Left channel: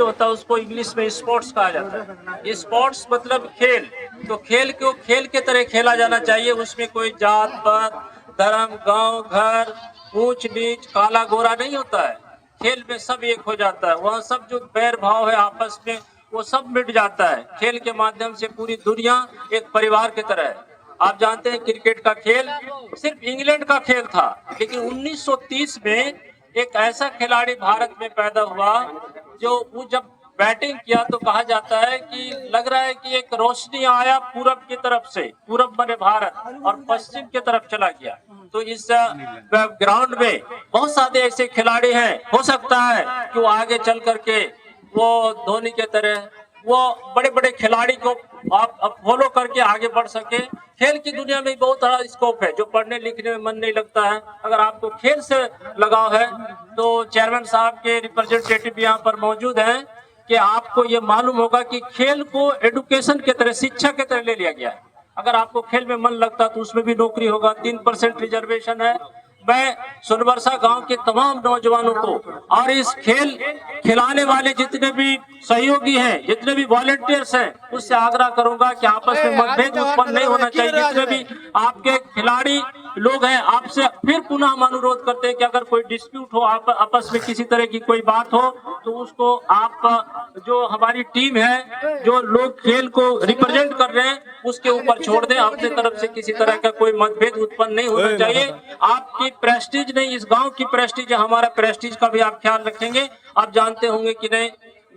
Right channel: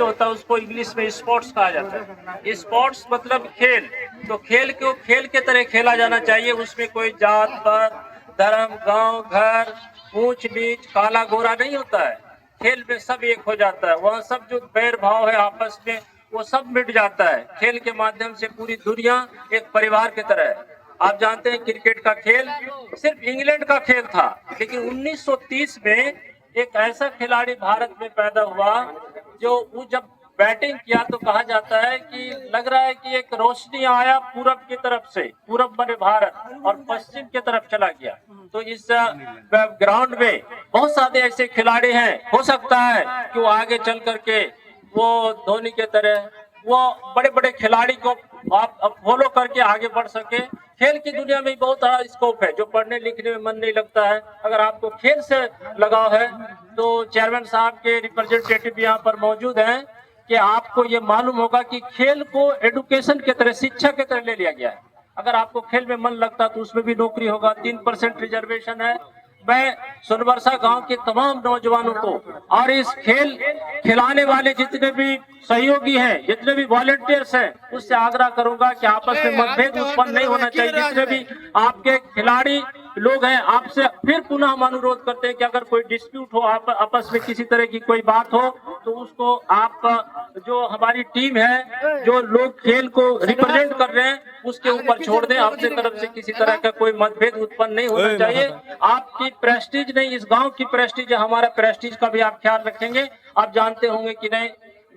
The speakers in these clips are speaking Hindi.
जो होता है उसको इंग्लिश में स्पोर्ट्स कहा जाता है। स्पोर्ट्स मतलब खेल, तो खेल को खेल के तरह खेला जाना चाहिए। उसमें कोई जात पात, धर्म, गांव, घर, ऊंच नीच, काला गोरा नहीं होता है। खेल में सब एक हो जाता है। वहाँ सब जो बैर भाव है आपस में वो सब मिट जाता है। खेल के माध्यम से पूरी दुनिया एक परिवार की तरह है। आप जानते हैं क्रिकेट का खेल सिर्फ इंग्लैंड का खेल था, लेकिन 1930 में एक ऐसा खिलाड़ी भारत में पैदा हुआ जो वो जब बैटिंग किया तो कहा जाता है कि लग रहा है कि एक रोशनी आया पूरब की तरफ से, पूरब बने भारत, और पश्चिम की तरफ चला गया। तो इस ग्राउंड में बहुत सारे ऐसे खिलाड़ी हैं, हो सकता है कि वो आगे चल करके वो धोनी के तरह वो बड़े बड़े खिलाड़ी को आप फॉलो करके आगे बढ़ सके। खेल की दुनिया में बहुत बड़ा स्कोप है, जो पढ़ने लिखने में मन नहीं लगता है, अगर आपको खेल से लगाव है तो चेयरमैन साहब के रिप्रेजेंटेटिव यहाँ पर मौजूद हैं कि आपको ये मालूम होगा कि खेल को एडुकेशन की तरह, शिक्षा की तरह ले लिया गया है। अगर आपको खेल में मन लगता तो उसमें भी नौकरी होगा। 3% रिजर्वेशन है। मैं सुनबरसा गांव के तमाम नौजवानों को और इस खेल खिलाने वाले जितने भी सहयोगी हैं, जितने भी वॉलेंटियर्स हैं, उससे आग्रह करूंगा कि आपस में मतभेद उत्पन्न नहीं होना चाहिए। जितने भी आपके खिलाड़ी लोग हैं, आपसे फिर पुनः हम अनुरोध करते हैं कि अगर कोई डिस्प्यूट हो, आप आपस में किसी तरह की कोई बात हो, तो उसको आप जो हमारी टीम है, जो लोग खेल को रिप्रेजेंट कर रहे हैं, उसके ऊपर छोड़ दें। अपने तरफ से किसी तरह का कोई मतभेद उत्पन्न नहीं होना चाहिए। आपकी प्रेस्टीज नहीं, इस गांव की प्रेस्टीज है, हमारा प्रेस्टीज का भी आप ख्याल रखेंगे। आप जानते होंगे कि नहीं,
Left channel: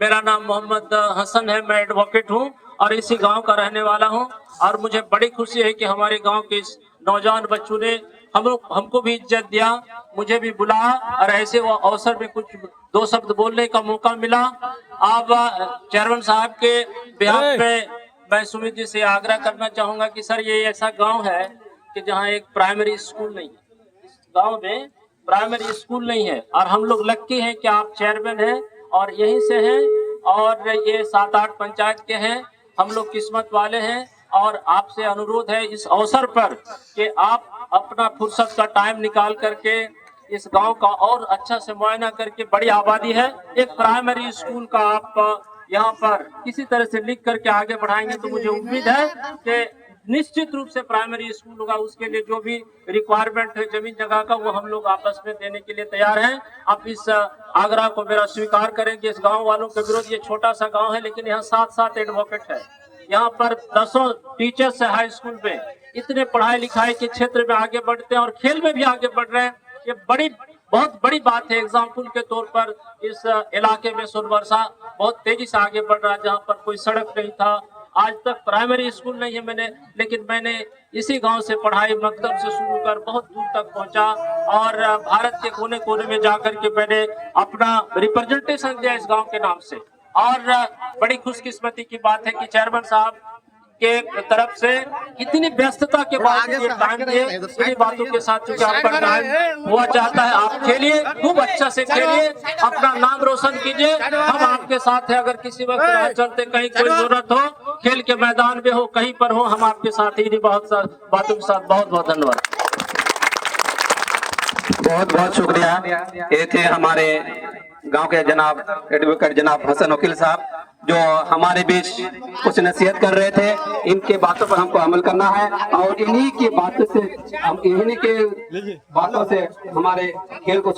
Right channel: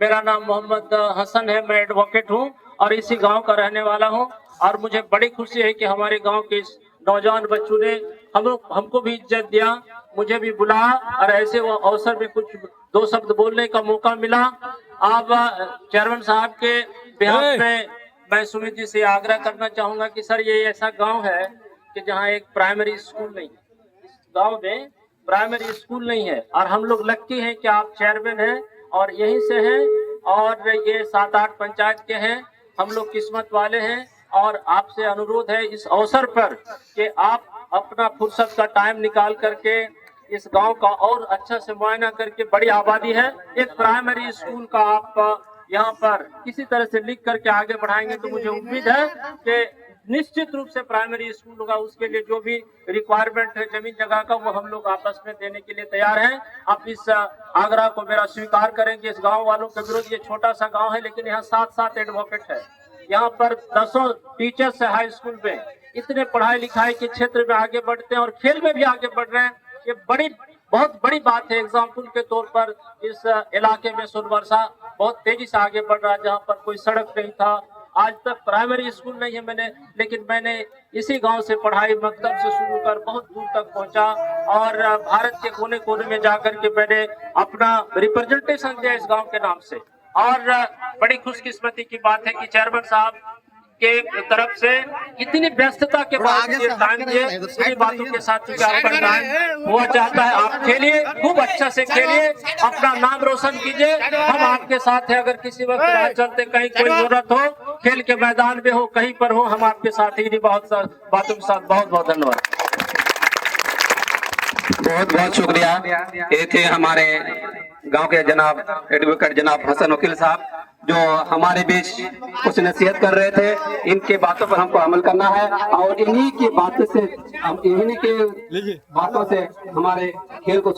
मेरा नाम मोहम्मद हसन है, मैं एडवोकेट हूं और इसी गांव का रहने वाला हूं। और मुझे बड़ी खुशी है कि हमारे गांव के इस नौजवान बच्चों ने हमको भी इज्जत दिया, मुझे भी बुलाया और ऐसे वो अवसर में कुछ दो शब्द बोलने का मौका मिला। आप चेयरमैन साहब के बिहाफ में मैं सुमित जी से आग्रह करना चाहूंगा कि सर, ये ऐसा गांव है कि जहां एक प्राइमरी स्कूल नहीं है। इस गांव में प्राइमरी स्कूल नहीं है और हम लोग लक्की हैं कि आप चेयरमैन हैं और यहीं से हैं और ये 7-8 पंचायत के हैं। हम लोग किस्मत वाले हैं और आपसे अनुरोध है इस अवसर पर कि आप अपना फुर्सत का टाइम निकाल करके इस गांव का और अच्छा से मुआयना करके, बड़ी आबादी है, एक प्राइमरी स्कूल का आप यहाँ पर किसी तरह से लिख करके आगे बढ़ाएंगे तो मुझे उम्मीद है कि निश्चित रूप से प्राइमरी स्कूल होगा। उसके लिए जो भी रिक्वायरमेंट है जमीन जगह का, वो हम लोग आपस में देने के लिए तैयार हैं। आप इस आग्रह को मेरा स्वीकार करें कि इस गांव वालों के विरोध, ये छोटा सा गांव है लेकिन यहाँ 7 एडवोकेट है, यहाँ पर 10 टीचर्स है हाई स्कूल में, इतने पढ़ाई लिखाई के क्षेत्र में आगे बढ़ते हैं और खेल में भी आगे बढ़ रहे हैं। ये बहुत बड़ी बात है। एग्जाम्पल के तौर पर इस इलाके में सुनबरसा बहुत तेजी से आगे बढ़ रहा है। जहाँ पर कोई सड़क नहीं था, आज तक प्राइमरी स्कूल नहीं है, लेकिन मैंने इसी गांव से पढ़ाई मकतब से शुरू कर बहुत दूर तक पहुंचा और भारत के कोने कोने में जाकर के मैंने अपना रिप्रेजेंटेशन दिया इस गांव के नाम से। और बड़ी खुशकिस्मती की बात है कि चेयरमैन साहब के तरफ से इतनी व्यस्तता के बाद ये टाइम दिए, इन्हीं बातों के साथ हुआ चाहता है। आप खेलिए, खूब अच्छा से खेलिए, अपना नाम रोशन कीजिए, हम आपके साथ हैं। अगर किसी वक्त राह चलते कहीं कोई जरूरत हो, खेल के मैदान में हो, कहीं पर हो, हम आपके साथ ही। बहुत बातों के साथ बहुत बहुत धन्यवाद। बहुत बहुत शुक्रिया। ये थे हमारे गांव के जनाब एडवोकेट जनाब हसन वकील साहब, जो हमारे बीच कुछ नसीहत कर रहे थे। इनके बातों पर हमको अमल करना है और इन्हीं की बातों से हमारे खेल को